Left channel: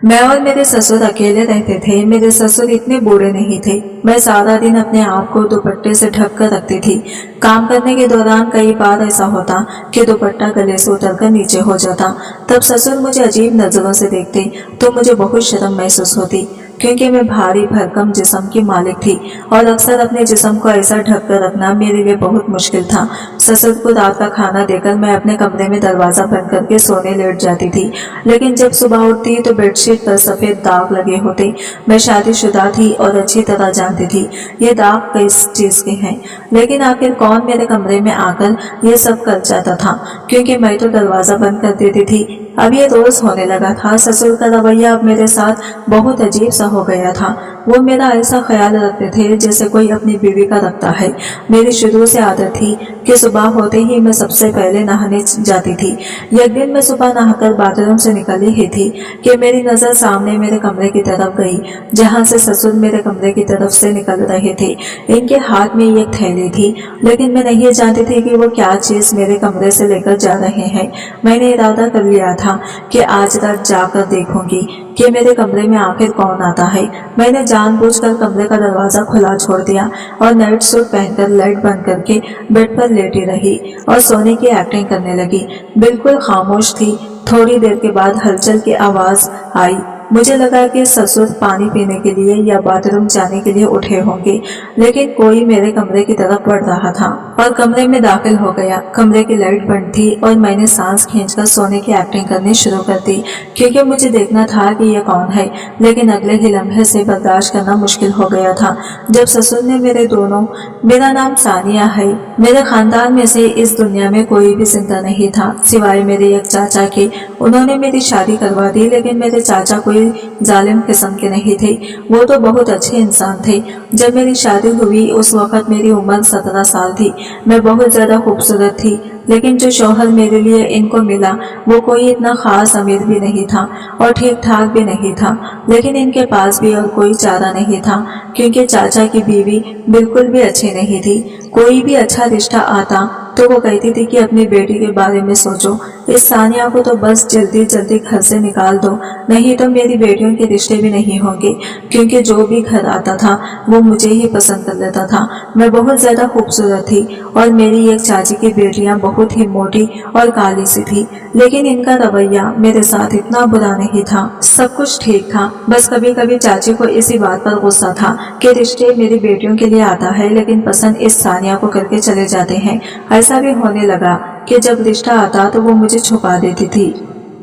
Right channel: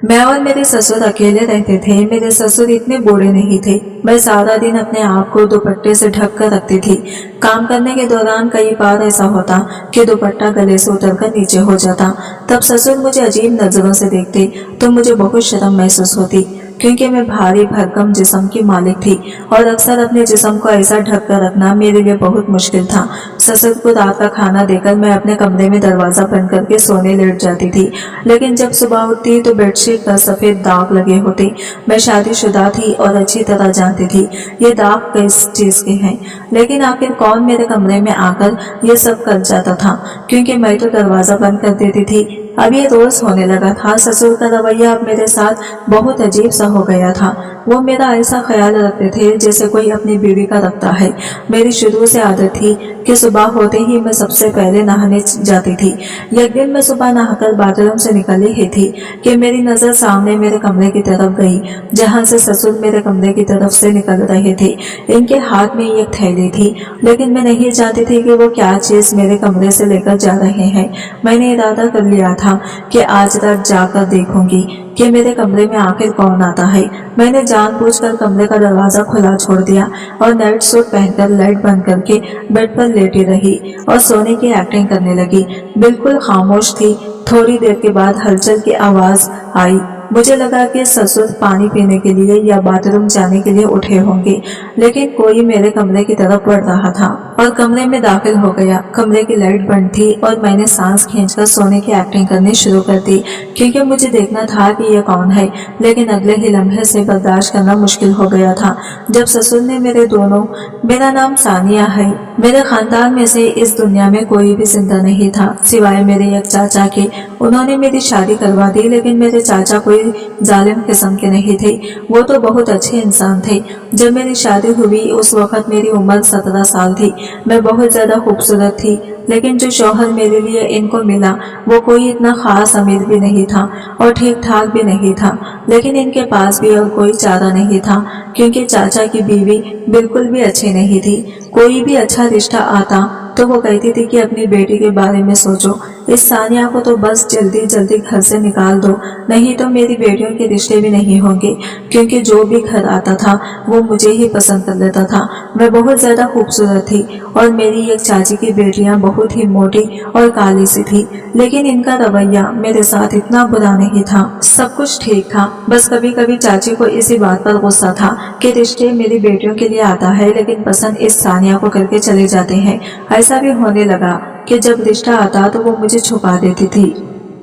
मैं और मेरे ससुर अकेले रहते थे। मेरे ससुर इतने बूढ़े नहीं थे। मैं सारा दिन अपने आप को दुपट्टे से ढक कर रखती थी। काम करने के दौरान कई बार ऐसा होता कि दुपट्टा गले से उतरकर नीचे हो जाता। तब ससुर मुझे अजीब नजरों से देखते तो मुझे बहुत शर्म महसूस होती, क्योंकि मैं भारी भरकम जिस्म की मालिक थी और अक्सर अपने जिस्म को ऐसा ढक कर रखना मेरे लिए बहुत मुश्किल था। ससुर को रात का खाना देकर मैं अपने कमरे में दरवाजा बंद करके सोने लेट जाती थी, लेकिन जब सुबह उठती तो बेडशीट पर सफेद दाग लगे होते। मैं शादीशुदा थी और अच्छी तरह जानती थी ये दाग किस चीज के हैं, लेकिन आखिर कौन मेरे कमरे में आकर ये सब कर जाता था, क्योंकि मैं तो दरवाजा बंद कर देती थी। अब ये रोज होने लगा था। ससुर का रवैया अब मेरे साथ बहुत अजीब सा हो गया था। वो मेरा ऐसा ख्याल रखते थे जैसे कोई अपनी बीवी का रखता है। मेरी शुरू से आदत थी कि सुबह होते ही मैं सबसे पहले नहाने जाती थी। एक दिन मैं सुबह नहाकर बाथरूम से निकली ही थी कि मेरी नजर सामने मेरे कमरे की तरफ गई, जहां से ससुर मेरे कमरे की तरफ से निकल रहे थे। इनके हाथ में एक थैली थी, लेकिन मैं नहीं जानती थी कि वो क्या चीज मेरे कमरे से लेकर जा रहे हैं। मैंने इरादा कर लिया था कि आज रात जाकर देखूंगी कि मेरे कमरे में आखिर कौन आता है। मैंने जानबूझकर कमरे का दरवाजा खुला छोड़ दिया और नाइट सूट पहनकर लाइट बंद करके बेड पर लेटी रही और सोने की एक्टिंग करने लगी। बिल्कुल खामोश थी। थोड़ी देर के बाद हलचल की आवाज आई। मुझे लगा कि ससुर पानी पीने के लिए या बाथरूम जाने के लिए उठे होंगे, लेकिन कोई मेरे कमरे की तरफ बढ़ रहा था और कमरे में दाखिल हो गया। कमरे की लाइट बंद थी और मैंने सांस खींचकर सोने की एक्टिंग करनी शुरू कर दी, क्योंकि मुझे देखना था कि यह कौन है। लेकिन अगले ही लम्हे से बर्दाश्त करना मुश्किल हो गया था जब ससुर ने मेरा नाम सानिया है। मेरे खानदान में से इस दुनिया में कोई भी जिंदा नहीं था सिवाय मेरे एक चाचा के। उन्होंने मेरी शादी करवा दी, लेकिन मेरे चाचा कोई जालिम किस्म के नहीं थे। वो तो बहुत अच्छे इंसान थे। जब मेरी शादी हुई उस वक्त मेरी उम्र 17 साल थी। मैं बहुत ज्यादा खूबसूरत थी, लेकिन जो शौहर मेरे लिए इनको मिला वो कोई इतना खास अमीर भी नहीं था और ठीक ठाक भी नहीं था। लेकिन इनके पास भी और कोई चारा नहीं था, क्योंकि चाचा की बीवी बिल्कुल भी अच्छी नहीं थी। कोई भी अच्छा रिश्ता आता तो वो कहती थी कि अपनी बेटी के बारे में सोचो, इस सानिया को तो बस जल्दी जल्दी घर से निकाल दो, नहीं तो मेरी बेटियों के रिश्ते भी नहीं होंगे, क्योंकि जो भी घर आता था वो मुझे ही पसंद कर लेता था। मैं बहुत ज्यादा खूबसूरत थी और मेरी एक चाची की बेटियां बहुत ही मोटी और काली सी थी, लेकिन इनका रवैया मेरे साथ इतना बुरा नहीं था। सब कुछ ठीक था, बस कभी कभी चाची को इसी बात पर गुस्सा था कि रिश्ते मेरी बेटियों के लिए आता है, लेकिन पसंद इस सानिया को करके चले जाते हैं। ऐसा भी होने लगा कि जब रिश्ता आता तो वो मुझे छुपा देती थी।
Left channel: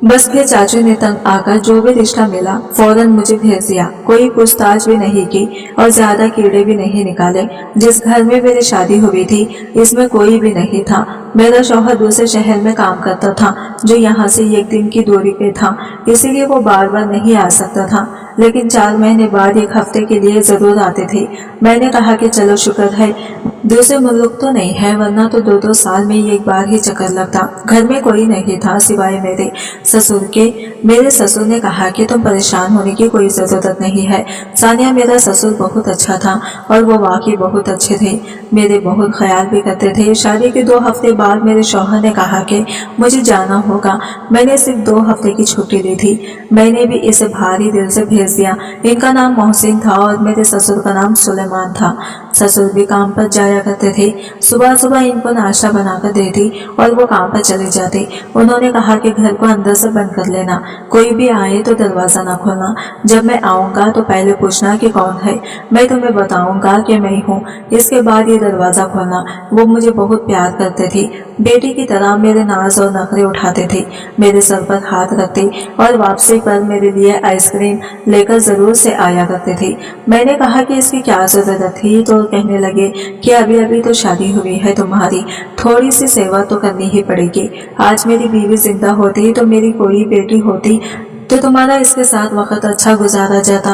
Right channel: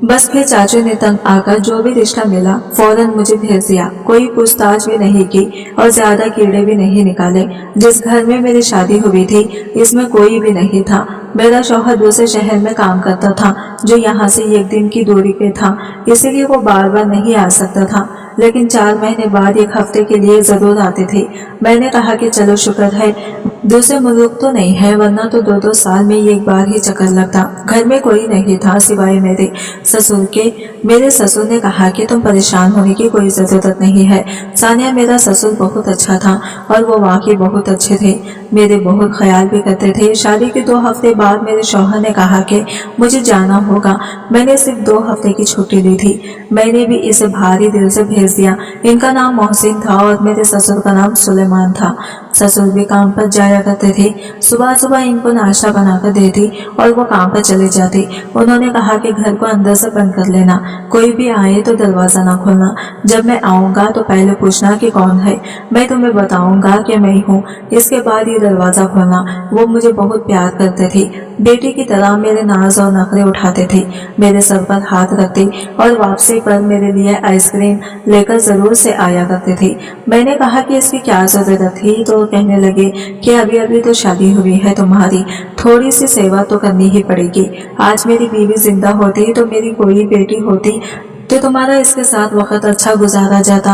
बस फिर चाचू ने तंग आकर जो भी रिश्ता मिला फौरन मुझे भेज दिया। कोई पूछताछ भी नहीं की और ज्यादा कीड़े भी नहीं निकाले। जिस घर में मेरी शादी हुई थी इसमें कोई भी नहीं था। मेरा शौहर दूसरे शहर में काम करता था, जो यहाँ से एक दिन की दूरी पे था, इसीलिए वो बार बार नहीं आ सकता था, लेकिन 4 महीने बाद 1 हफ्ते के लिए जरूर आते थे। मैंने कहा कि चलो शुक्र है दूसरे मुल्क तो नहीं है, वरना तो 2-2 साल में एक बार ही चक्कर लगता। घर में कोई नहीं था सिवाय मेरे ससुर के। मेरे ससुर ने कहा कि तुम परेशान होने की कोई जरूरत नहीं है। सानिया मेरा ससुर बहुत अच्छा था और वो वाकई बहुत अच्छे थे, मेरे बहुत ख्याल भी करते थे। शादी के 2 हफ्ते बाद मेरे शौहर ने कहा कि मुझे जाना होगा। मैंने सिर्फ 2 हफ्ते की छुट्टी ली थी। मैंने भी इसे भारी दिल से भेज दिया। इनका नाम मोहसिन था और मेरे ससुर का नाम सुलेमान था। ससुर भी काम पर जाया करते थे। सुबह सुबह इनको नाश्ता बनाकर देती और वो काम पर चले जाते। उन्होंने कहा कि घर को अंदर से बंद कर लेना, कोई भी आए तो दरवाजा ना खोलना। जब मैं आऊंगा तो पहले पूछना कि कौन है, मैं तुम्हें बताऊंगा कि मैं हूँ, इसके बाद ये दरवाजा खोलना। वो मुझे बहुत प्यार करते थे, बेटी की तरह मेरे नाज और नखरे उठाते थे, मेरे सर पर हाथ रखते और वापसी पर मेरे लिए आइसक्रीम लेकर जरूर से आया करते थे। मैंने कहा कि इसकी क्या जरूरत थी, तो कहने लगे कि अभी अभी तो शादी हुई है तुम्हारी, थोड़ी सी सेवा तो करनी ही पड़ेगी। आज मेरी बीवी जिंदा होती तो मेरी कोई बेटी होती तो तुम्हारा इसके साथ वक्त अच्छा गुजारा जाता।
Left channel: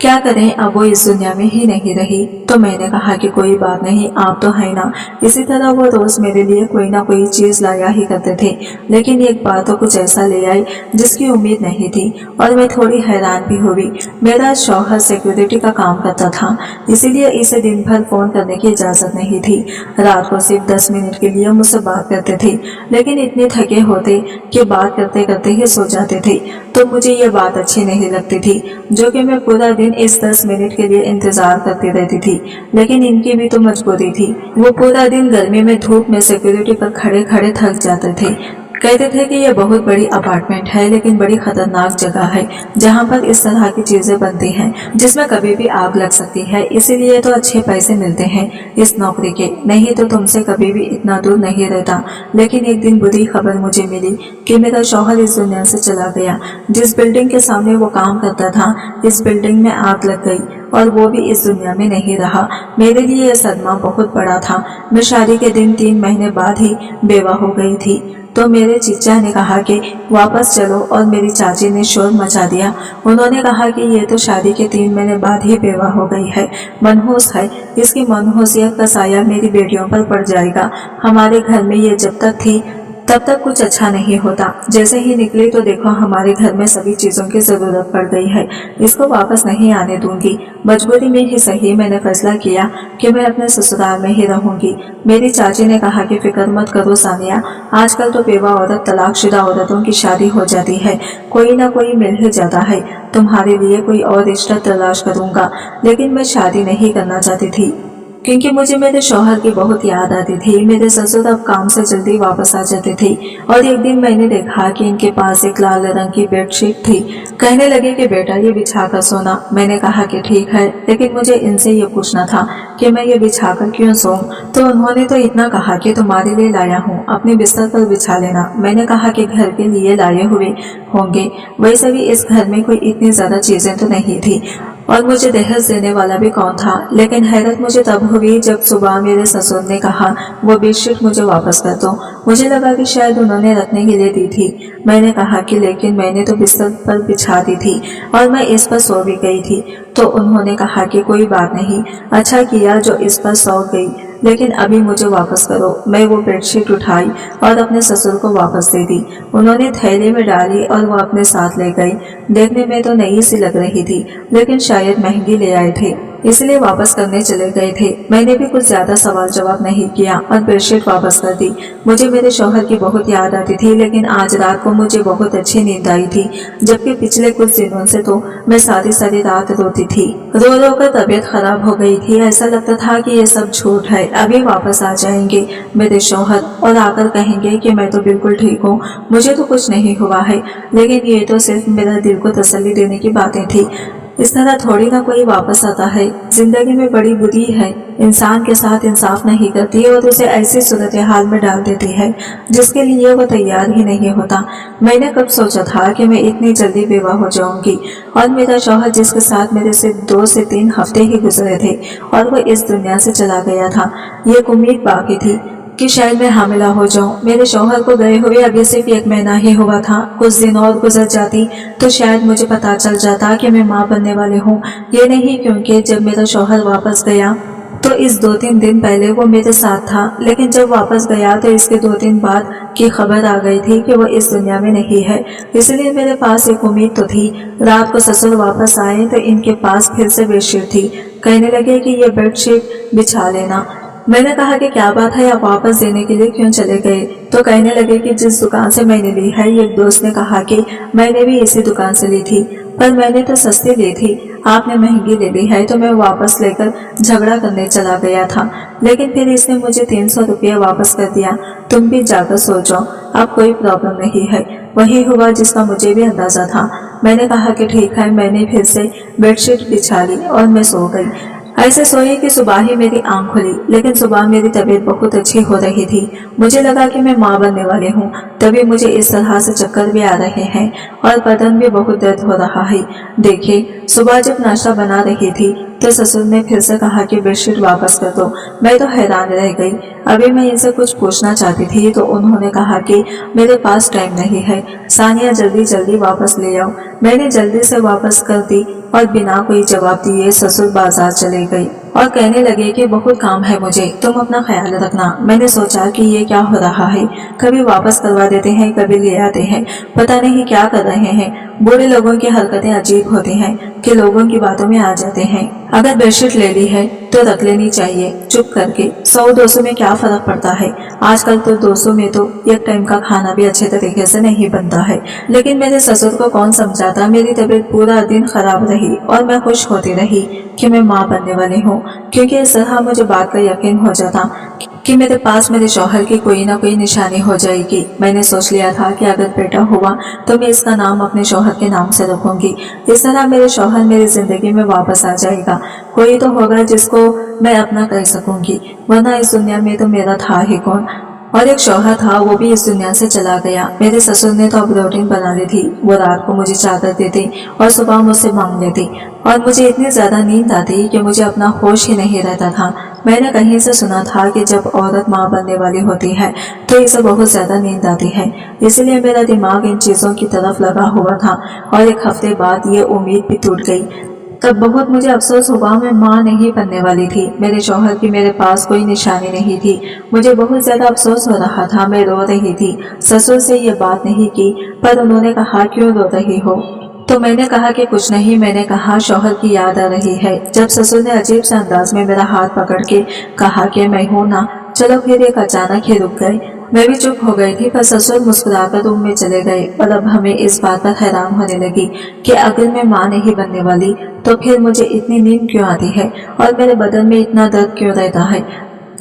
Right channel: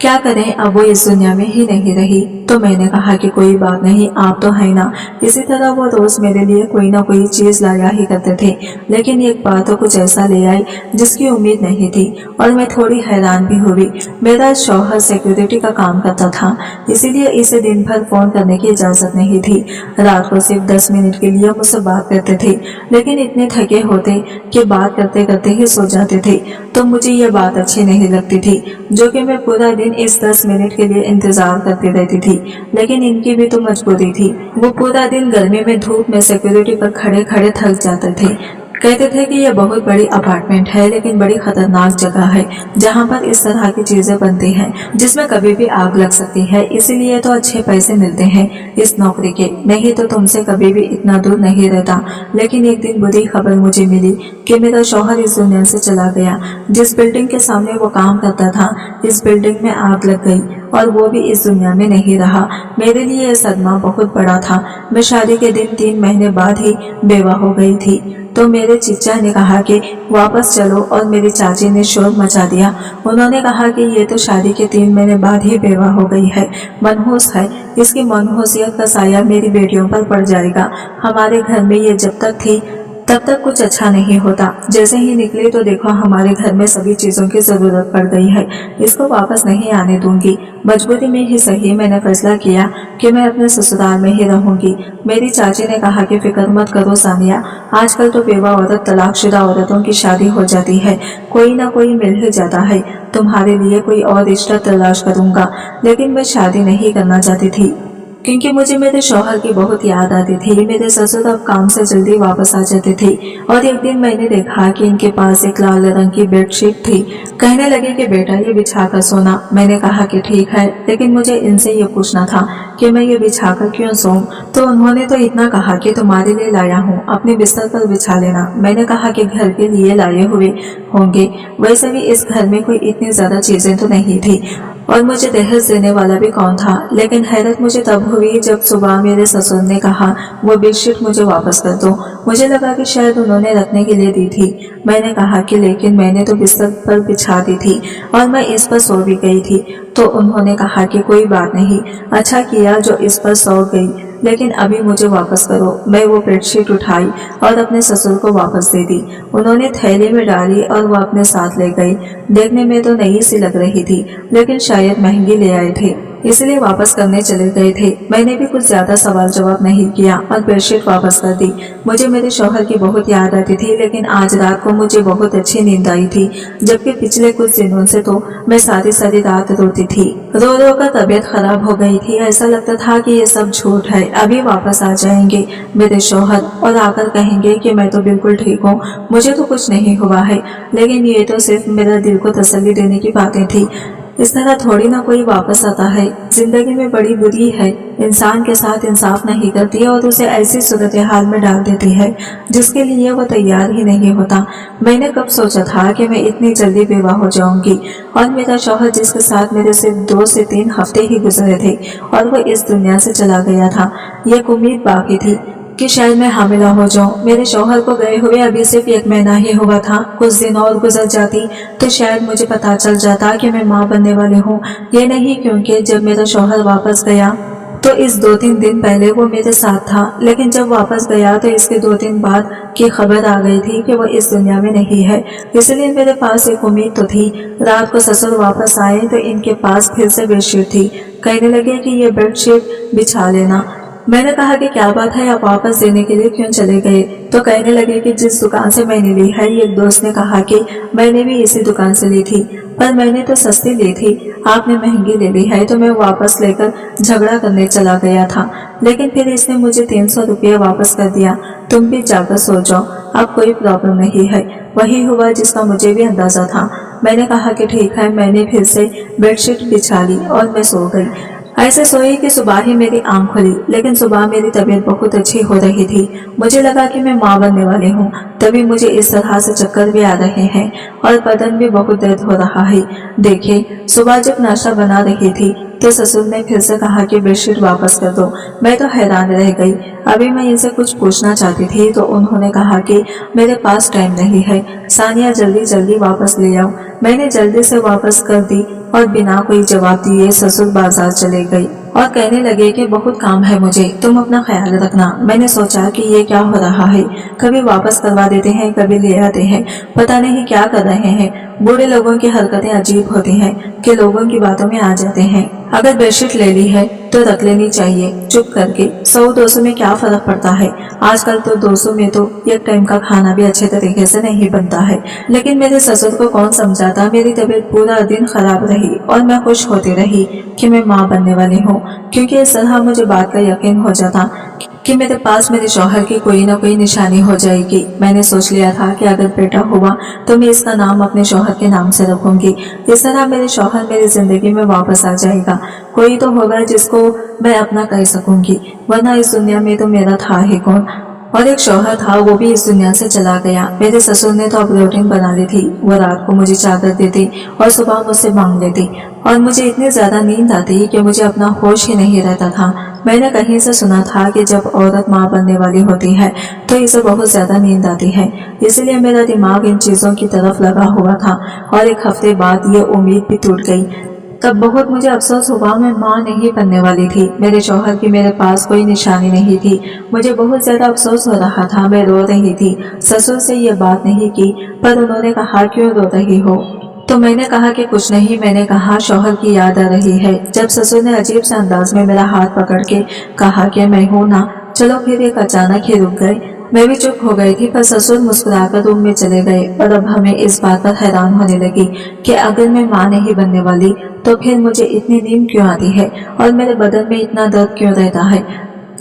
क्या करें, अब वो इस दुनिया में ही नहीं रही। तो मैंने कहा कि कोई बात नहीं, आप तो है ना। इसी तरह वो रोज मेरे लिए कोई ना कोई चीज लाया ही करते थे, लेकिन एक बार तो कुछ ऐसा ले आए जिसकी उम्मीद नहीं थी और मैं थोड़ी हैरान भी हुई। मेरा शौहर सिक्योरिटी का काम करता था, इसीलिए इसे दिन भर फोन करने की इजाजत नहीं थी। रात को सिर्फ 10 मिनट के लिए मुझसे बात करते थे, लेकिन इतने थके होते कि बात करते करते ही सो जाते थे। तो मुझे ये बात अच्छी नहीं लगती थी, जो कि मैं पूरा दिन इस 10 मिनट के लिए इंतजार करती रहती थी। लेकिन इनकी भी तो मजबूरी थी। वो पूरा दिन गर्मी में धूप में सिक्योरिटी पर खड़े खड़े थक जाते थे। कहते थे कि यह बहुत बड़ी अपार्टमेंट है, लेकिन बड़ी खतरनाक जगह है जहाँ पर इस तरह की चीजें बनती हैं जिसमें कभी भी आग लग सकती है। इसीलिए तो अच्छे पैसे मिलते हैं इस नौकरी के, नहीं तो तुमसे कभी भी इतना दूर नहीं रहता। लेकिन एक दिन बुरी खबर मुझे मिली कि मेरा शौहर इस दुनिया से चला गया। जिस बिल्डिंग के सामने वो काम करता था, इस बिल्डिंग में आग लग गई और वो भी इस दुनिया में नहीं रहा। मेरे लिए यह सदमा बहुत बड़ा था। मैं शादी के दिन 3 महीने बाद ही बेवा हो गई थी। तो मेरे चीचा ने कहा कि वापस चलो और मेरी चाची ने शोर मचा दिया। उन्होंने कहा कि ये तो शादी के 3 महीने बाद ही बेवा हो गई है, मनहूस है, इसकी मनहूसियत का साया मेरी बेटियों पर पड़ जाएगा। हमारे घर में ये जब तक थी तब तक कुछ अच्छा नहीं होता, जैसे ही निकली तो देखो हमारे घर में सभी चीजों की जरूरत पड़ गई है। इसको वापस नहीं आने दूंगी। मजबूरी में ही सही मैंने फैसला किया कि मैं अपने ससुराल में ही रहूंगी। मेरी चाची ने कहा कि फिक्र मत करो सानिया, आजकल तो बेवा औरत तलाकशुदा औरतों की शादी हो जाती है, कोई ना कोई मिल ही जाता है। तुम्हारे लिए कोई और रिश्ता तलाश करूंगा। लेकिन मैं शादी नहीं करना चाहती थी क्योंकि मुझे मेरे शौहर की बहुत याद आती थी। मेरे ससुर अब काम से जल्दी वापस आ जाते थे और एक दिन मैंने देखा कि इनके पास एक लाल रंग की बेडशीट थी। कहने लगे कि बेटा ये बिछा कर सोना। मैंने कहा कि ठीक है, लेकिन मुझे इनसे ये पूछना था कि मैं ये बिछाकर क्यों सोऊं। तो उन्होंने तो इतना कहा कि तुम्हारे लिए लाया हूँ, अपने बिस्तर पर बिछा लेना। मैंने कहा कि घर के लिए लाए हुए होंगे, वैसे भी इस घर में कोई इतनी ज्यादा चीजें तो नहीं थी और मुझे दहेज देने वाला भी कौन था। लेकिन हैरत मुझे तब हुई जब सुबह मेरे ससुर ने कहा वो बेडशीट मुझे वापस कर दो। मुझे लगा कि शायद उन्होंने रखने के लिए दी थी। मैंने कहा कि लेकिन मैंने तो बिस्तर पर बिछा दी थी और मैं इस पर सो भी गई थी। तो उन्होंने कहा कि कोई बात नहीं, अच्छा किया जो इस पर सो गई, लेकिन अभी मुझे वापस करो। मैं वो बेडशीट उठाई और अपने ससुर को वापस दे दी। उन्होंने थैली में डाली और वो अपने साथ ले गई। देखने में तो नई सी लग रही थी, लेकिन शायद महंगी ले आए थे, इसलिए वापस करने चले गए थे। मैंने भी कुछ ज्यादा सवाल जवाब नहीं किया और बेडशीट वापस कर दी। मुझे मेरे शौहर की बहुत याद आती थी, लेकिन आज रात को मुझे बहुत अच्छी नींद आई थी, जबकि पिछले कुछ दिनों से तो मैं सारी सारी रात रोती थी। रो रो कर तबीयत खराब हो गई थी। ऐसा लगता था कि ये सब झूठ है, अभी वापस आ जाएंगे मेरे शौहर और आकर कहेंगे कि मैं तो बिल्कुल ठीक हूँ, मुझे तो कुछ नहीं हुआ है। लेकिन ये तो सिर्फ मेरा दिल को तसल्ली देने की बातें थी। इस तरह थोड़ी ना कोई वापस आता है। जिंदगी में बड़ी बुरी है, इंसान के साथ इंसाफ नहीं करती है और उसे ऐसी सूरत हाल में डाल देती है जिसके लिए वो तैयार ही नहीं होता। मैंने कब सोचा था कि मैं इतनी जल्दी बेवा हो जाऊंगी और मेरा शौहर जिसके साथ मेरे सिर्फ 2 से 3 हफ्ते ही गुजरे थे और वो इस दुनिया से चला गया था। ये उम्मीद बाकी थी कि शायद मैं हामिला हो जाऊं। मेरे शौहर को गए हुए अभी सिर्फ 1 महीना ही हुआ था। कुछ दिन और गुजर जाती तो शायद मुझे पता चल जाता कि मैं माँ बनने वाली हूँ। ये नहीं क्योंकि जब मेरा शौहर वापस गया तो इस 2-3 दिन पहले वो मेरे साथ था, लेकिन जब वापस गया तो इसके 2 दिन बाद की खबर आ गई थी कि वो इस दुनिया में नहीं है। इसलिए मेरे पास एक उम्मीद तो थी। रात को ससुर वापस आए तो इनके पास फिर से बेडशीट थी। कहने लगे कि ये बेडशीट बिछा लेना। मैंने कहा कि क्या बात है, आप वापस देने के लिए क्यों चले गए? तो कहने लगे कि जिस दुकान से मैंने ली है, एक दोस्त ने कहा कि मैंने भी इसी दुकान से ली थी, पर मैंने तो सस्ती ली थी, आपने महंगी ले ली है, तो मैं वापस लेकर झगड़ा करने चला गया था। लेकिन फिर इसने मुझे 300 रुपया वापस कर दिया। तुम भी जाकर सो जाओ, अब कोई प्रॉब्लम नहीं है। वही हुआ जिसका मुझे भी अंदाजा था। मैंने कहा कि ठीक है। मैंने फिर से बेडशीट बिछा ली और मैं सो गई। ऐसे सोई कि सुबह ही मेरी आंख खुली, लेकिन सुबह मेरी तबीयत बहुत अच्छी हो रही थी। मुझे लगा कि मैं माँ बनने वाली हूँ। तभी मुझे इस तरह से चक्कर भी आ रहे हैं और बदन भी बहुत दर्द हो रहा है। देखिए, सुबह जब नाश्ता बना रही थी तो ससुर ने फिर से कहा कि बेडशीट वापस कर दो। मैं तो हैरान रह गई। अभी मैं इनसे कुछ पूछना चाहती थी तो उन्होंने कहा कि मेरे पास टाइम नहीं है, सानिया जल्दी जल्दी वापस ले आओ। मैंने जल्दी से वापस कर दी और बिना कोई जवाब दिए ससुर बाजार चले गए और कहने लगे कि बहुत काम है मुझे, तुम अपना ख्याल रखना। मैंने सोचा कि ये क्या हो रहा है, कभी वापस करवा देते हैं कभी ले आते हैं, पता नहीं क्या कर रहे हैं। बूढ़े लोगों की हरकतें अजीब होती हैं कि लोगों की बातों में आ जाते हैं। अगर बेडशीट ले ली है तो रख लेनी चाहिए चुप करके, 100-200 में क्या फर्क पड़ता है। आजकल तो 200 में तो एक टाइम का खाना भी अच्छे तरीके से नहीं बनता है। लेकिन मेरे ससुर को कौन समझाता। मेरी तबीयत पूरा दिन खराब रही और मैं खुश होती रही कि मैं माँ बनने वाली हूँ, क्योंकि इस तरह मुझे बात का यकीन हो जाता कि मेरे पास मेरे शौहर की कोई ना कोई निशानी हो जाएगी। मैंने सोच लिया था कि अगर बेटा हुआ तो मैं इसका नाम अपने शौहर के नाम से रखूंगी। इस तरह मेरे शौहर मेरी जिंदगी में वापस आ जाएगा, कोई तो होगा जिसको मैं अपना कर सकूंगी, वरना इस दुनिया में तो मेरा था ही कौन। और एक शौहर था, वो भी इस दुनिया से चला गया। मेरे ससुर ने तो अब रूटीन बना ली थी। वो रात को मुझे चादर देती और सुबह मुझसे मांग लेती और मुझे इतनी ज्यादा नींद आती कि मुझे अपना होश ही नहीं रहता था। मैंने कहीं से सुना था कि जब औरत माँ बनने वाली होती है तो इसे बहुत ज्यादा नींद आती है, इसलिए मेरा दिमाग इन चीजों की तरफ लगा हुआ था। और एक हफ्ते बाद ये उम्मीद भी टूट गई। तब बहुत मुझे अफसोस हुआ, मैं माँ नहीं बनने वाली थी। मेरे शौहर की मेरे पास कोई निशानी नहीं थी। मुझे बहुत ज्यादा अफसोस हो रहा था। मैं रो रही थी। ससुर से ये बात नहीं की, पर उन्होंने कहा क्यों रो रही हो, तो मैंने कहा कि कुछ नहीं। मैंने कहा शौहर की याद आ रही है। जब ससुर ने अजीब से अंदाज में मेरा हाथ पकड़ के कहा कि मैं हूं ना, चलो, फिर एक अचानक ही रुक गए। मैं भी चुप हो गई थी, पर ससुर मुस्कुराकर रूम में चले गए। और अब हमें इस बात पर हैरान होने लगी कि अगर मैं माँ नहीं बनने वाली तो फिर मुझे इतनी नींद क्यों आती है और मेरे बदन में इतना दर्द क्यों रहता है,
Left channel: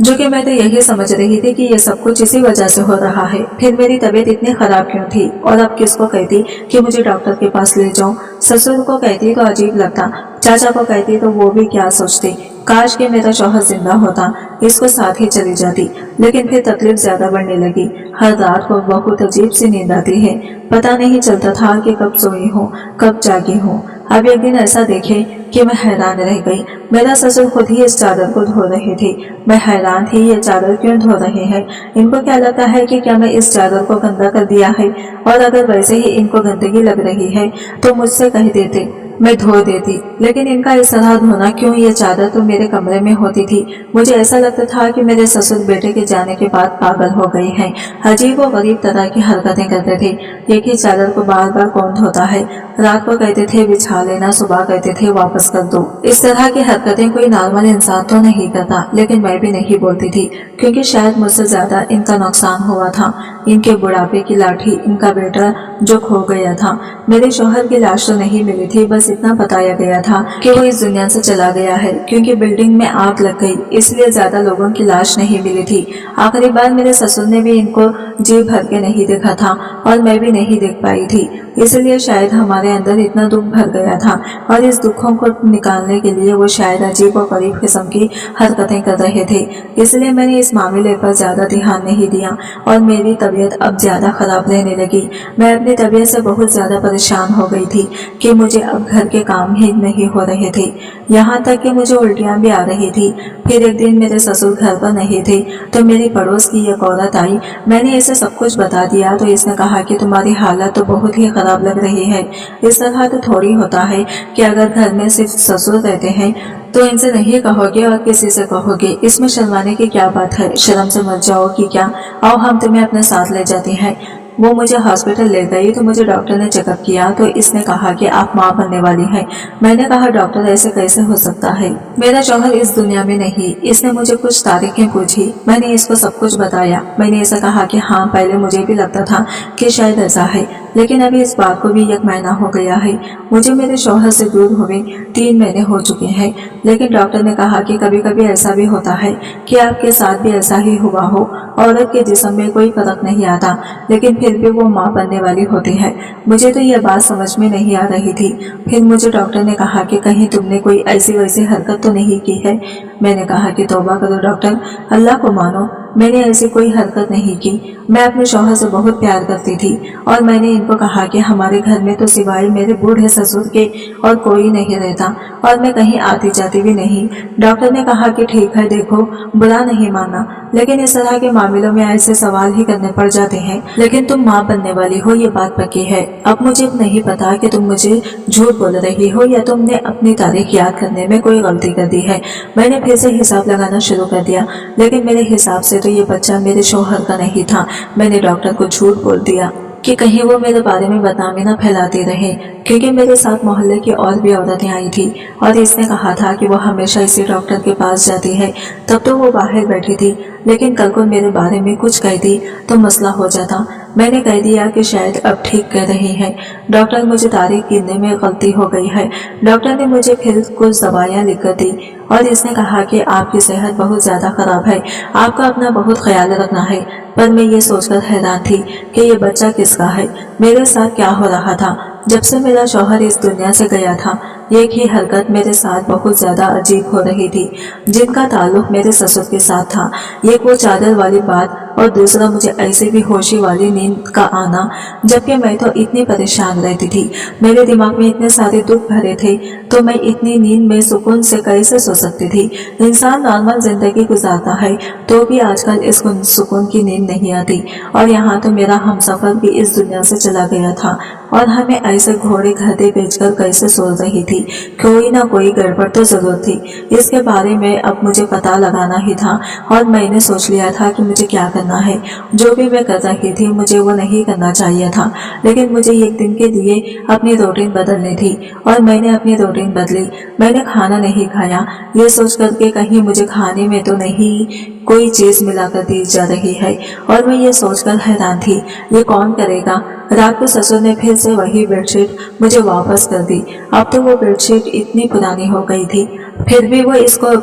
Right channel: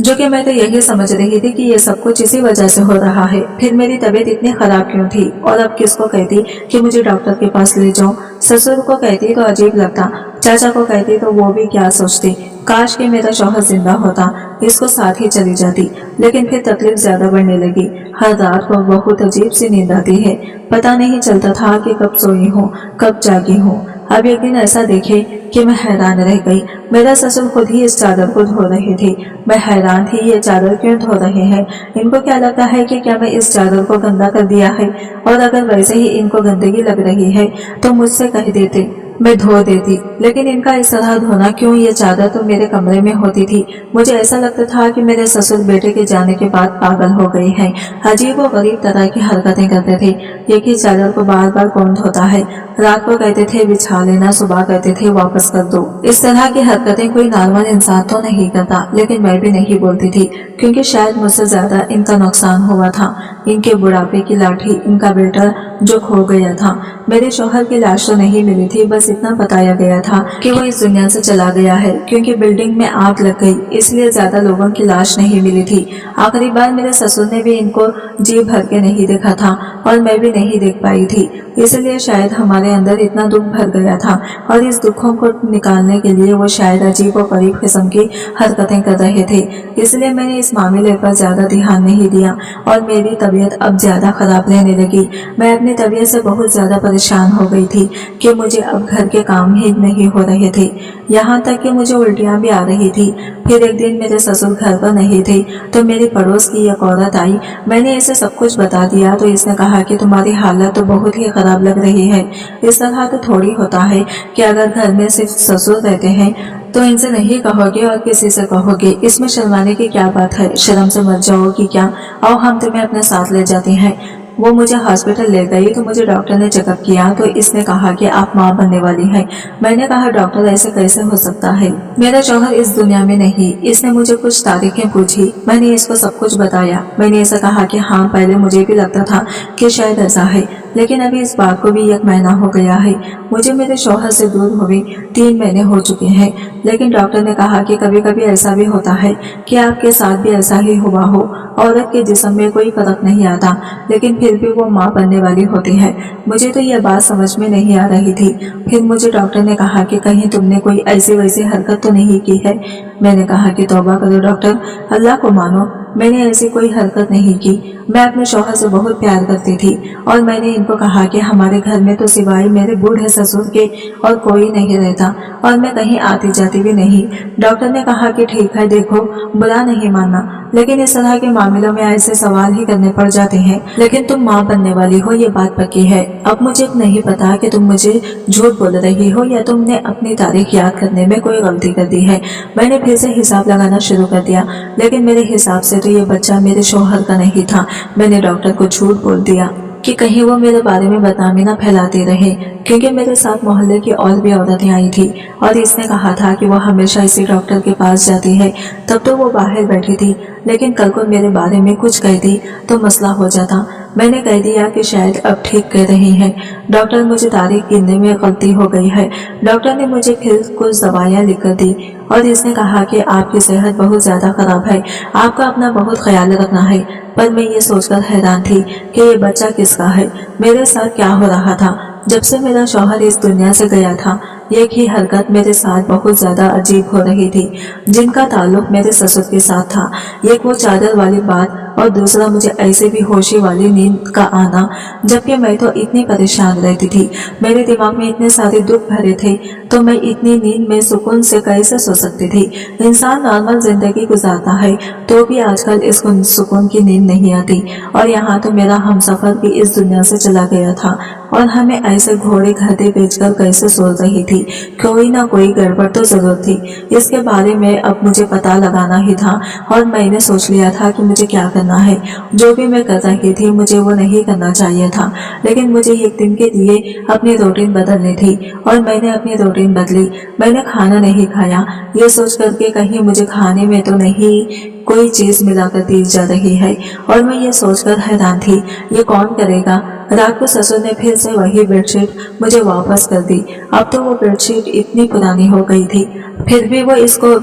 जो कि मैं तो यही समझ रही थी कि ये सब कुछ इसी वजह से हो रहा है। फिर मेरी तबीयत इतनी खराब क्यों थी, और अब किसको कहती कि मुझे डॉक्टर के पास ले जाऊं। ससुर को कहती तो अजीब लगता, चाचा को कहती तो वो भी क्या सोचती, काश कि मेरा शौहर जिंदा होता, इसको साथ ही चली जाती। लेकिन फिर तकलीफ ज्यादा बढ़ने लगी। हर रात को बहुत अजीब सी नींद आती है। पता नहीं चलता था कि कब सोई हूँ कब जागी हूँ। अब एक दिन ऐसा देखे कि मैं हैरान रह गई। मेरा ससुर खुद ही इस चादर को धो रहे थे। मैं हैरान थी, ये चादर क्यों धो रहे हैं। इनको क्या लगता है कि क्या मैं इस चादर को गंदा कर दिया है, और अगर वैसे ही इनको गंदगी लग रही है तो मुझसे कह देते, मैं धो देती। लेकिन इनका इस तरह धोना क्यों। ये चादर तो मेरे कमरे में होती थी। मुझे ऐसा लगता था कि मेरे ससुर बेटे के जाने के बाद पागल हो गए हैं। अजीब व गरीब तरह की हरकतें करते थे। एक ही चादर को बार बार कौन धोता है। रात को कहते थे बिछा लेना, सुबह कहते थे वापस कर दो। इस तरह की हरकतें कोई नॉर्मल इंसान तो नहीं करता, लेकिन मैं भी नहीं बोलती थी, क्योंकि शायद मुझसे ज्यादा इनका नुकसान हुआ था। इनके बुढ़ापे की लाठी इनका बेटा जो खो गया था। मेरे शौहर की लाश तो नहीं मिली थी, बस इतना बताया गया था कि वो इस दुनिया से चला गया है, क्योंकि बिल्डिंग में आग लग गई, इसलिए ज्यादा लोगों की लाश नहीं मिली थी। आखिरी बार मेरे ससुर ने भी इनको जी भर के नहीं देखा था और मैं भी नहीं देख पाई थी, इसलिए शायद हमारे अंदर इतना दुख भर गया था। और इस दुखों को निकालने के लिए वो शायद अजीब और गरीब किस्म की हरकतें कर रहे थे, इसलिए मैंने इस मामले पर ज्यादा ध्यान नहीं दिया और मेरी तबीयत अब ज्यादा खराब रहने लगी। मैं अपनी तबीयत से बहुत ज्यादा परेशान हो गई थी कि मुझे अब घर के काम ही नहीं हो रहे थे, यहाँ तक कि मुझे उल्टियाँ भी आ रही थी। फिर एक दिन मेरे ससुर घर पर नहीं थे तो मेरी पड़ोस की एक औरत आई। मैंने इसे सब कुछ बता दिया तो इसने कहा कि तुम्हारी हालत तो बहुत ही खराब लग रही है। इस तरह तो थोड़ी होता है कि अगर घर में सिर्फ ससुर रहते हैं तो इनसे नहीं कहोगे और किसी से कहोगे, इसमें शर्माने की क्या बात है, शर्म से मर जाओगी क्या, आओ हम तुम्हें अपने साथ ले जाते हैं। वो मुझे हॉस्पिटल ले गई तो मुझे डॉक्टर ने चेकअप किया तो इसने कहा कि आप माँ बनने वाली हैं। मैंने कहा डॉक्टर ऐसे कैसे हो सकता है, मेरा शौहर इस दुनिया में नहीं। इसने मुझे कुछ तारीखें पूछी, मैंने इसको सब कुछ बताया। मैंने ऐसा कहा कि हाँ, पहले मुझे भी लगता था कि शायद ऐसा है, लेकिन अभी इस बात को भी 1 महीना हो गया है। मुझे मेरे शौहर से दूर हुए 3 महीने हो चुके हैं, लेकिन डॉक्टर ने कहा कि कभी कभी ऐसा भी होता है कि आपके साथ भी ऐसा ही हुआ हो। औरत के जिस्म में कोई फर्क नहीं आता, लेकिन फिर भी वो माँ बनने वाली होती है। मुझे तो यह बात समझ में नहीं आ रही थी। फिर मुझे डॉक्टर ने कहा कि कहीं तुमने कोई ऐसी वैसी हरकत तो नहीं की है। मैंने कहा कि तौबा करो डॉक्टर, अल्लाह को मानो, मैंने ऐसी कोई हरकत नहीं की। मैं अपने शौहर से बहुत प्यार करती थी और मैंने इनको कहा कि हमारे घर में तो सिवाय मेरे बूढ़े ससुर के और कोई नहीं रहता और मैं कहीं आती जाती भी नहीं। डॉक्टर ने कहा कि ठीक है, देखो बुरा नहीं मानना, लेकिन इस तरह के मामलों में ऐसे सवाल ही करने पड़ जाते हैं। लेकिन तुम माँ बनने वाली हो, ये बात पक्की है। अब मुझे नहीं पता कि तुम मुझे झूठ बोल रही हो या तुमने अपनी तारीख याद करने में कोई गलती कर दी है। मैंने फिर से हिसाब लगाना शुरू कर दिया, लेकिन मेरे हिसाब से तो ये बच्चा मेरे शौहर का नहीं था। मैंने डॉक्टर को झूठ बोल दिया कि कहीं वो मेरे बारे में बदनामी न फैलाती रहे, क्योंकि मेरे साथ मोहल्ले की और भी औरतें आई थी और इसने कहा था कि वो हमेशा इसी डॉक्टर के पास जाती है। तब तो वो बाहर बैठी थी, लेकिन कल को मेरे बारे में कुछ कहती तो मसला हो जाता। मैंने कह दिया कि शायद अब ठीक कह रही है। डॉक्टर, मुझे तारीख गिनने में गलती हो गई है। डॉक्टर ने मुझे फिर कुछ दवाइयाँ लिख कर दी और इसने कहा कि आपकी सेहत बहुत ज़्यादा खराब है, आपका अपना बहुत ख्याल रखना है। पर मैं ये सोचकर हैरान थी कि ये बच्चा किसका है, मेरे साथ क्या हो रहा था। जब से मेरा शौहर इस दुनिया से गया था, एक ही हरकत मेरे साथ बहुत ज्यादा अजीब हो रही थी, जिनका ताल्लुक मेरे ससुर के साथ था। एक वो चादर वाली बात और दूसरा मुझे ऐसे भी होशी वाली नींद का आना, जबकि मैं तो इतनी परेशान रहती थी, मेरे दिमाग में इतने सारे दुख भरे थे, तो मैं इतनी नींद में सुकून से कैसे सो सकती थी। इंसान नॉर्मल जिंदगी गुजारता है तो भी आजकल इसको सुकून की नींद नहीं आती, और यहाँ तो मेरा हमसफर भी इस दुनिया से चला गया था और हमें ऐसे घोड़े गधे बेचकर कैसे सो रही थी। कोई ना कोई गड़बड़ तो जरूर थी। इसके बारे में अब मुझे पता लगाना ही था और मैंने सोच लिया था कि मुझे क्या करना है। जो भी मैं कर रही थी मुझे वो नहीं करना चाहिए था, लेकिन मुझे एक दिन के लिए अपनी रूटीन बदलनी थी और मैंने अपनी रूटीन बदली। मैंने खाना नहीं खाया, ये सोच करके कहीं मुझे खाने में तो नहीं कोई चीज मिला कर दी जा रही है, और मैं ये सोचकर हैरान थी ये कौन करेगा। रात को ससुर ने फिर से वही बेडशीट मुझे वापस कर दी। अब तो वो बेडशीट इतनी पुरानी हो गई थी, फिर भी वो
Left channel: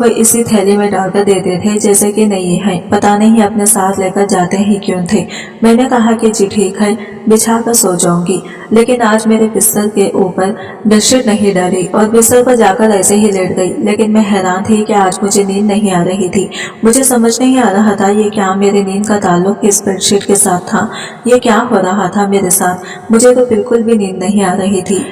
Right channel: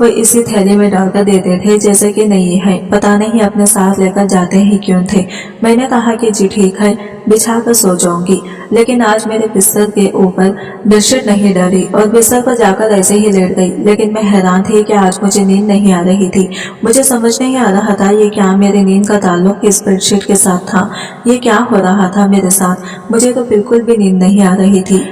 इसी थैली में डालकर देते थे जैसे कि नहीं है। पता नहीं अपने साथ लेकर जाते ही क्यों थे। मैंने कहा कि जी ठीक है, बिछा कर सो जाऊंगी, लेकिन आज मेरे बिस्तर के ऊपर बेडशीट नहीं डाली और बिस्तर पर जाकर ऐसे ही लेट गई। लेकिन मैं हैरान थी कि आज मुझे नींद नहीं आ रही थी। मुझे समझ नहीं आ रहा था ये क्या मेरे नींद का ताल्लुक इस बेडशीट के साथ था, ये क्या हो रहा था मेरे साथ। मुझे तो बिल्कुल भी नींद नहीं आ रही थी।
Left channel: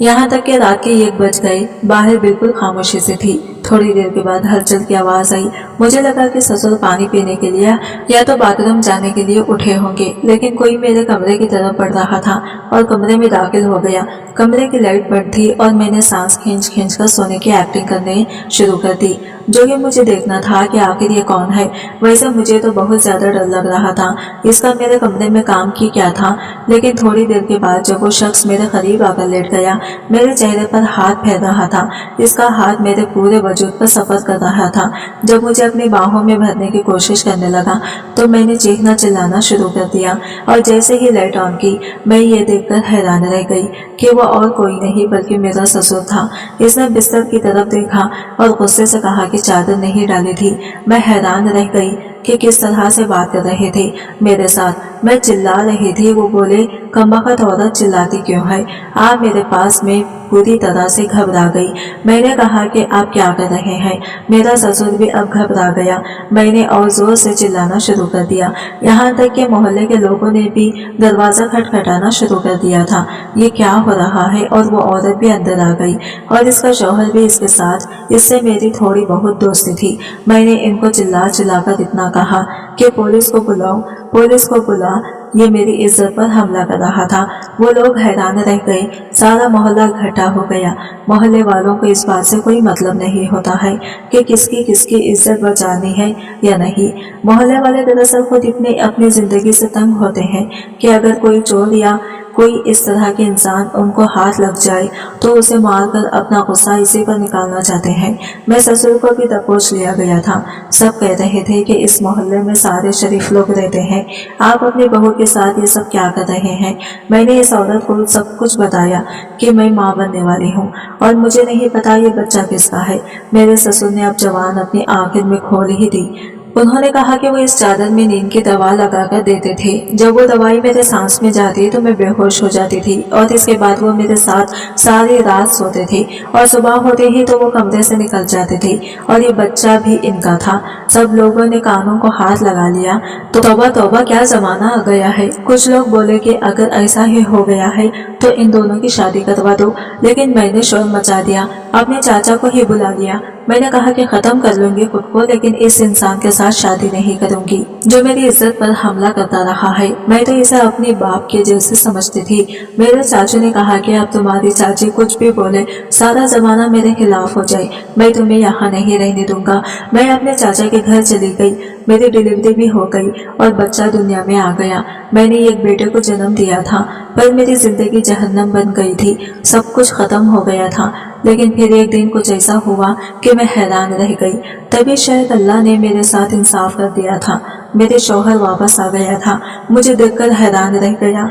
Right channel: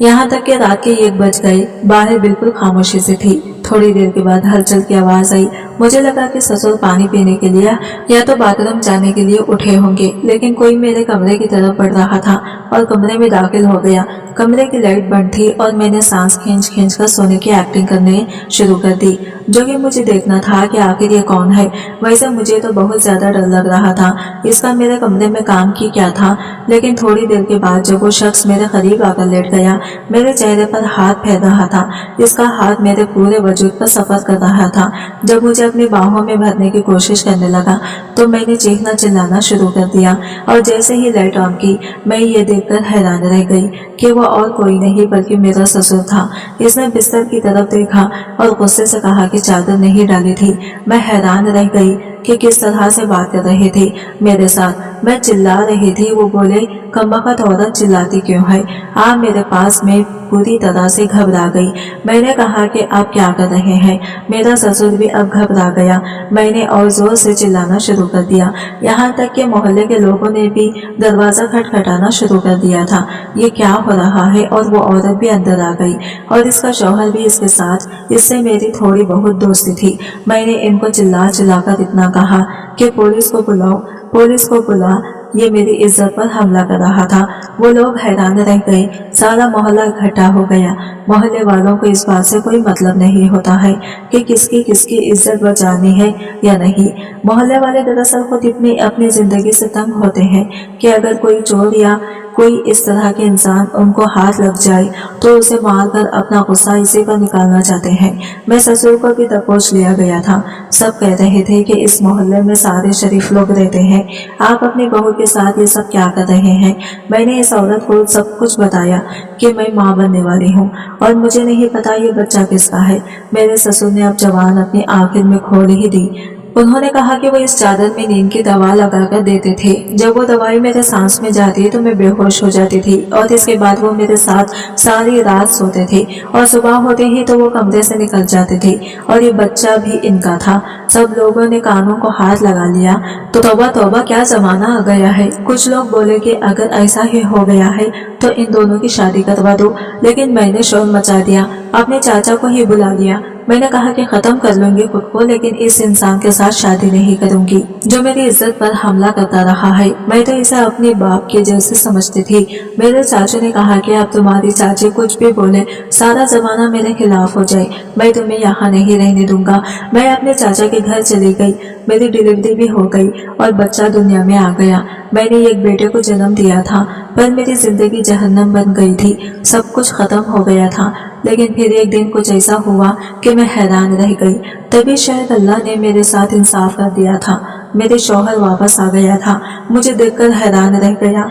यहाँ तक कि रात के 1 बज गए, बाहर बिल्कुल खामोशी से थी। थोड़ी देर के बाद हलचल की आवाज आई। मुझे लगा कि ससुर पानी पीने के लिए या तो बाथरूम जाने के लिए उठे होंगे, लेकिन कोई मेरे कमरे की तरफ बढ़ रहा था और कमरे में दाखिल हो गया। कमरे की लाइट बंद थी और मैंने सांस खींच खींच कर सोने की एक्टिंग करने शुरू कर दी, जो कि मुझे देखना था कि आखिर ये कौन है। वैसे मुझे तो बहुत ज्यादा डर लग रहा था, इसका मेरे कमरे में काम की क्या था। लेकिन थोड़ी देर के बाद जब वो शख्स मेरे करीब आकर लेट गया, मेरे चेहरे पर हाथ फेर रहा था। इसका हाथ मेरे पूरे वजूद पर सफर कर रहा था। जब मुझे अपनी बाहों में भरने की कोशिश करने लगा तो मैंने चीखना चिल्लाना शुरू कर दिया, और जैसे ही लाइट ऑन की मैं ये देखकर हैरान रह गई कि वो और कोई नहीं बल्कि मेरा ससुर था। इसने बिस्तर की तरफ देखा और गुस्से से कहा कि चादर नहीं डाली थी। मैं हैरान रह गई कि किस तरह से बात कर रहे थे मेरे साथ। मैं चिल्ला रही थी, वो बोले कमबख्त औरत चिल्लाती क्यों है, आप मेरे पास में पूरी तरह से घबरा गई। मैंने कहा कि आप क्या कर रहे हैं। मेरा ससुर भी अब घबरा गया। मैंने और जोर से चिल्लाना शुरू कर दिया, यहाँ तक कि मोहल्ले के लोगों ने भी दरवाजा खटखटाना शुरू कर दिया था। ये क्या हो रहा है। और वो औरत भी अंदर आ गई और इसका शौहर भी इसके साथ। इससे मेरी थोड़ी बहुत दोस्ती थी। मैंने इनको चिल्ला चिल्लाकर इतना कहा कि पुलिस को बुलाओ, पुलिस को बुला, ये मेरी इज्जत पर हमला कर रहा था। वो लोग हैरान रह गए। सारा मोहल्ला इकट्ठा हो गया। मोहल्ले वालों को इस बात से कोई मतलब नहीं होता है कि किसकी किसकी इज्जत बचानी है या नहीं। मोहल्ले वाले दरअसल खुद इतने अपनी जिंदगी से तंग होते हैं कि अगर कोई चोर या कोई इस तरह के इंसान उनको हाथ लग जाए तो उसे मारकर अपना गुस्सा इसी पर निकालना चाहते हैं। मैं ससुर को भी दबोच लिया गया था। सब कह रहे थे कि इस मोहल्ले में सारे शरीफ लोग रहते हैं, आप अपनी बहू के साथ ये सब क्या कर रहे हैं। मैंने इस औरत को सब कुछ बताया कि मैं माँ बनने वाली हूँ और मुझे नहीं पता ये बच्चा किसका है। मेरे ससुर ने अब जवान अपनी आखिर में खोल ही दी। उन्होंने कहा कि वो इस चादर में नींद की दवा लगाकर देते थे। जब वो दवाई मेरे सांस में जाती तो मैं बेहोश हो जाती थी और इसके बाद वो मेरे साथ सारी रात सोते थे और सुबह होते ही तो वो कमरे से निकल जाते थे। और ये बच्चा भी इनका था। सब लोगों ने कानों को हाथ लगा लिया तो तौबा तौबा क्या जमाना आ गया है। कुछ लोग बोले कि अगर ऐसा ही हो गया है तो इन दोनों की शादी करवा दो, लेकिन मैंने शोर मचा दिया, अपने चाचा को ही बुला लिया। मैंने कहा कि खत्म कर लूंगी खुद को, लेकिन इस इंसान के साथ शादी नहीं करूंगी जो मेरी इज्जत पर हमला करता रहा है। मैं तो इसे अपने बाप के जैसे समझती थी। मेरे चाचू ने कहा कि अब तुम्हारी चाची कुछ भी बोले, सारा जमाना मेरे खिलाफ हो जाए, मैं तुम्हें यहाँ नहीं रहने दूंगा। मैं अपने चाचा के घर चली गई। मेरी डिलीवरी भी हो गई और बच्चा दुनिया में आ गया। मैंने एक बेटे को जन्म दिया था, पर मेरी जिंदगी जहन्नम बन गई थी। सब कुछ खत्म हो गया था। लेकिन फिर एक दिन कुछ ऐसा हुआ कि मैं हैरान रह गई। तभी शायद अल्लाह ने मेरे साथ इंसाफ कर दिया था। मेरे शौहर वापस आ गया था। मुझे देखकर हैरान रह गया।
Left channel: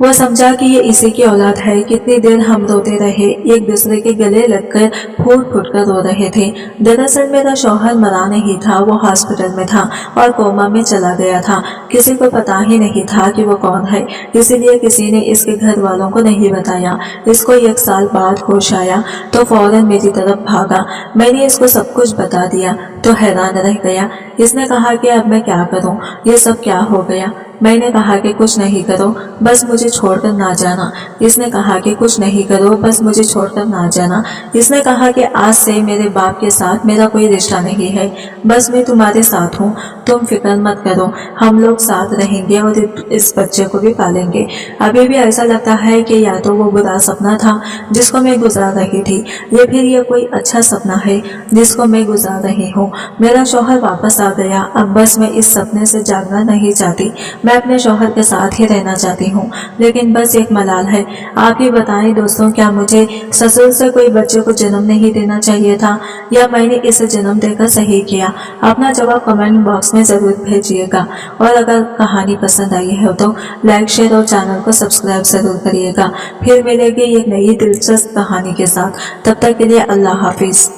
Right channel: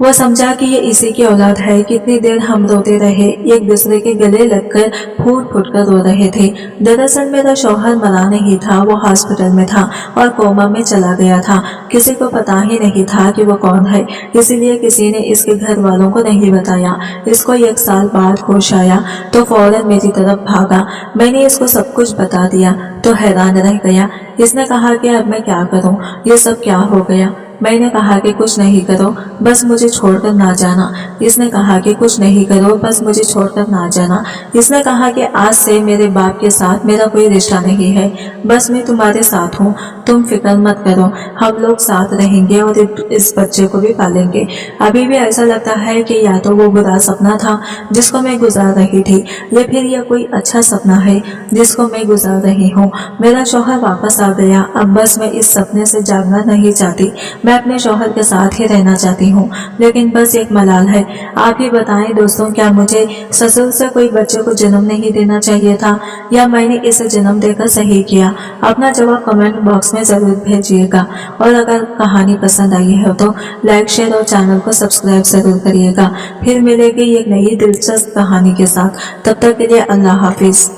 वो समझा कि ये इसी की औलाद है। कितनी देर हम रोते रहे, एक दूसरे के गले लगकर फूट फूट कर रो रहे थे। दरअसल मेरा शौहर मरा नहीं था, वो हॉस्पिटल में था और कोमा में चला गया था। किसी को पता ही नहीं था कि वो कौन है, इसीलिए किसी ने इसके घर वालों को नहीं बताया। इसको 1 साल बाद होश आया तो फौरन मेरी तरफ भागा। मैंने इसको सब कुछ बता दिया तो हैरान रह गया। इसने कहा कि अब मैं क्या करूं, ये सब क्या हो गया। मैंने कहा कि कुछ नहीं करो, बस मुझे छोड़कर ना जाना। इसने कहा कि कुछ नहीं करो, बस मुझे छोड़कर ना जाना। इसने कहा कि आज से मेरे बाप के साथ मेरा कोई रिश्ता नहीं है, बस मैं तुम्हारे साथ हूँ, तुम फिक्र मत करो, हम लोग साथ रहेंगे और इस बच्चे को भी पालेंगे। अभी भी ऐसा लगता है कि या तो वो बुरा सपना था जिसको मैं गुजार रही थी, या फिर ये कोई अच्छा सपना है जिसको मैं गुजार रही हूँ। मेरा शौहर वापस आ गया। अब बस मैं इस सपने से जागना नहीं चाहती। मैं अपने शौहर के साथ ही रहना चाहती हूँ, लेकिन बस एक मलाल है। आप ही बताएं दोस्तों, क्या मुझे ससुर से कोई बच्चे को जन्म नहीं देना चाहिए था, या मैंने इसे जन्म देकर सही किया? अपना जवाब कमेंट बॉक्स में जरूर भेजिएगा। और अगर कहानी पसंद आई है तो लाइक, शेयर और चैनल को सब्सक्राइब जरूर करिएगा। फिर मिलेगी एक नई दिलचस्प कहानी के साथ। तब तक के लिए अल्लाह हाफिज।